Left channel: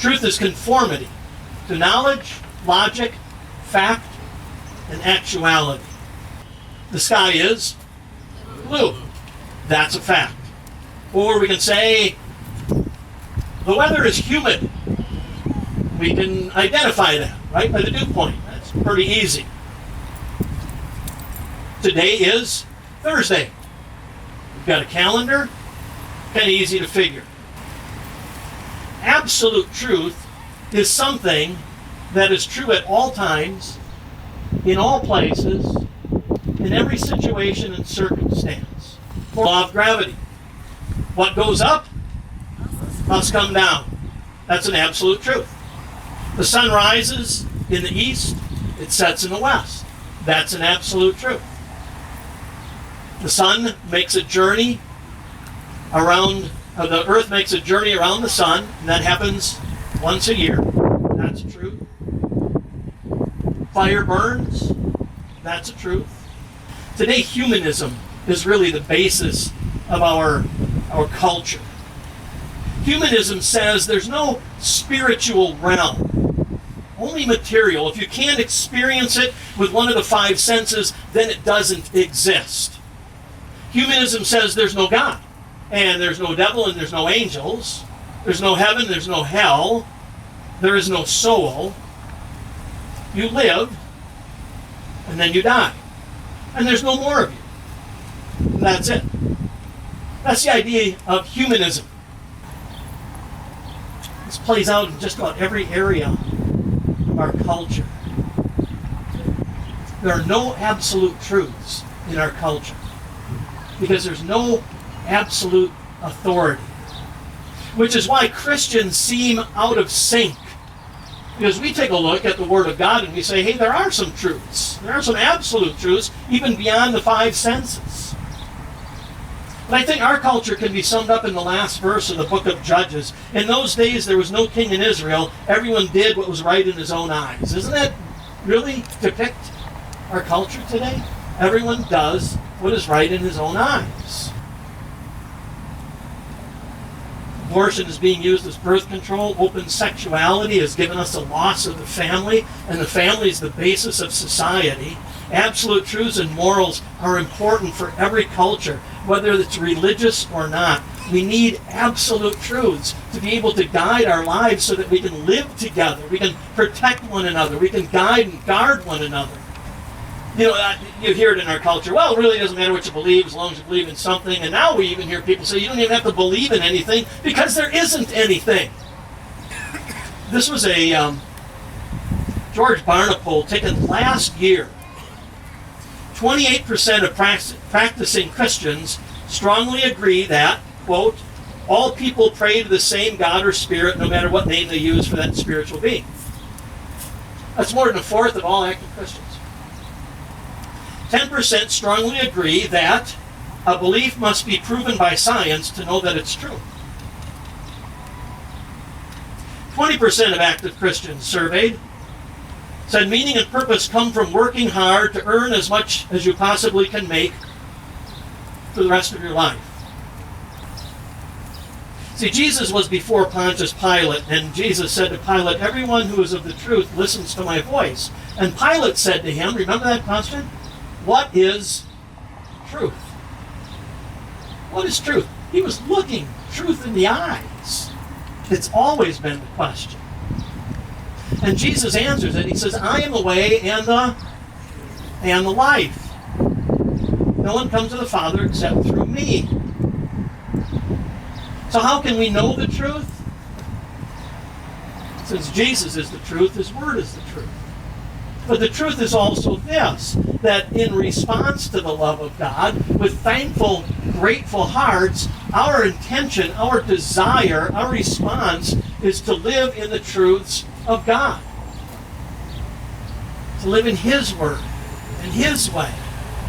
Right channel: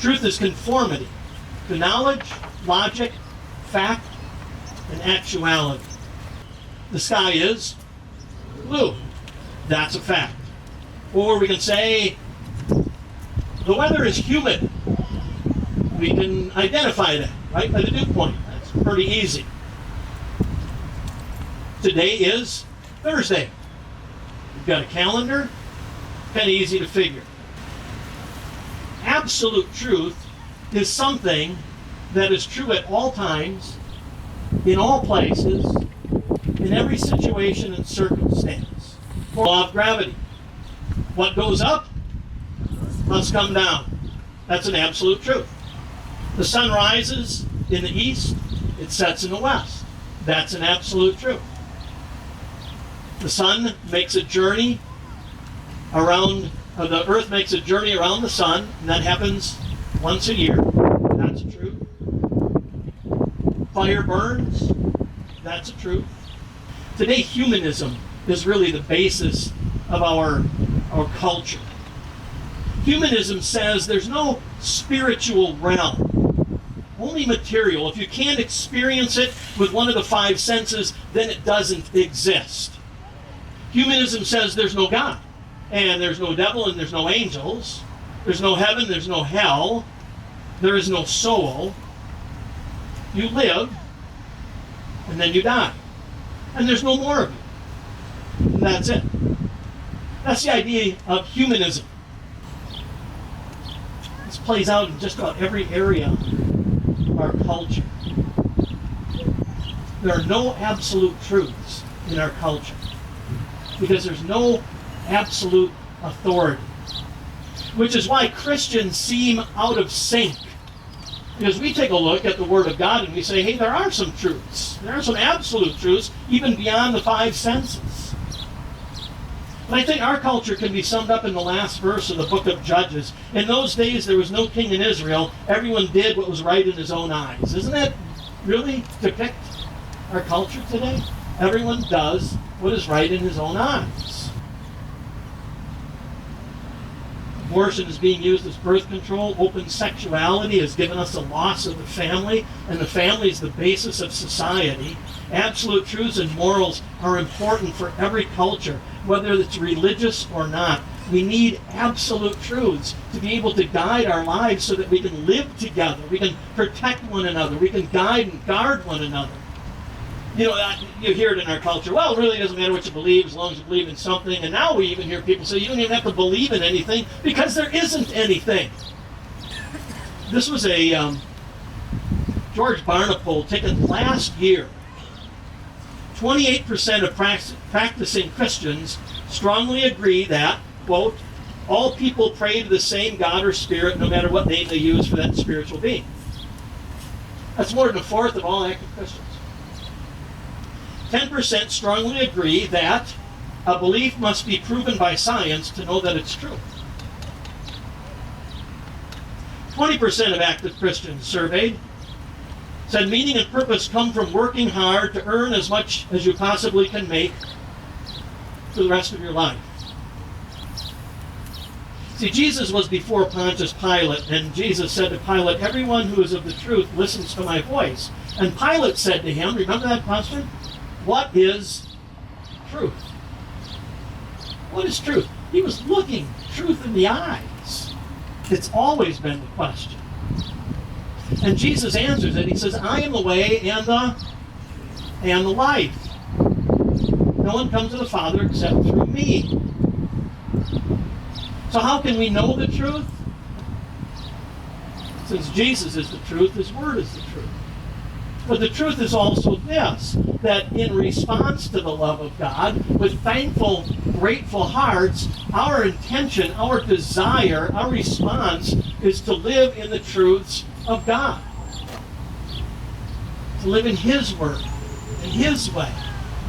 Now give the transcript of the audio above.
Truth is conformity to knowledge, logic, fact, and actuality. The sky is blue. That's a fact. Or we can say the weather is humid. We can identify that, right, by the dew point. That's pretty easy. Today is Thursday. We've got a calendar, kind of easy to figure. Absolute truth is something that is true at all times, in all places, in every situation and circumstance. For law of gravity. What goes up must come down. That's an absolute truth. The sun rises in the east, it sets in the west. That's an absolute truth. The sun makes a journey around, the earth makes a journey around the sun, and that happens once a year. That's a truth. Fire burns. That's a truth. Today, humanism is really the basis of our culture. Humanism says there's no spiritual realm, only material. If you can't experience it with one of the five senses, then it doesn't exist. Humanism says there's no God, and there's no devil, and there's no angels. There's no heaven, there's no hell. There is no soul. You live, and then you die. And there's no more of you. And that's it. That's the idea of humanism. This plays out in just about every area of our culture. There are no absolute truths in our culture because there's no absolute authority, which is why Christians seem out of sync. Because we take a look at the Word of God and we say, hey, there are some truths. There are some absolute truths, even beyond the five senses. And I think our culture can be summed up in the last verse of the book of Judges. In those days, there was no king in Israel. Everyone did what was right in his own eyes. Isn't that really depict our culture today? Everyone does what is right in his own eyes. Abortion is being used as birth control. Open sexuality has given us a loss of the family, and the family is the basis of society. Absolute truths and morals are important for every culture, whether it's religious or not. We need absolute truths to be able to guide our lives so that we can live together, we can protect one another, we can guide and guard one another. You know, you hear it in our culture, well, it really doesn't matter what you believe as long as you believe in something. And now we even hear people say you don't even have to believe in anything because there isn't anything. This was a George Barna poll taken last year. 28% of practicing Christians strongly agree that, quote, all people pray to the same God or spirit no matter what name they use for that spiritual being. That's more than a fourth of all active Christians. 10% strongly agree that a belief must be proven by science to know that it's true. 20% of active Christians surveyed said meaning and purpose come from working hard to earn as much as you possibly can make for the rest of your life. See, Jesus was before Pontius Pilate, and Jesus said to Pilate, everyone who is of the truth listens to my voice. And Pilate said to him, remember that question? What is truth? What is truth? He was looking truth in the eyes. It's always been the question. And Jesus answers it. He says, I am the way and the life. No one comes to the Father except through me. So how can we know the truth? Since Jesus is the truth, his word is the truth. But the truth is also this, that in response to the love of God, with thankful, grateful hearts, our intention, our desire, our response is to live in the truths of God. To live in his word, in his way.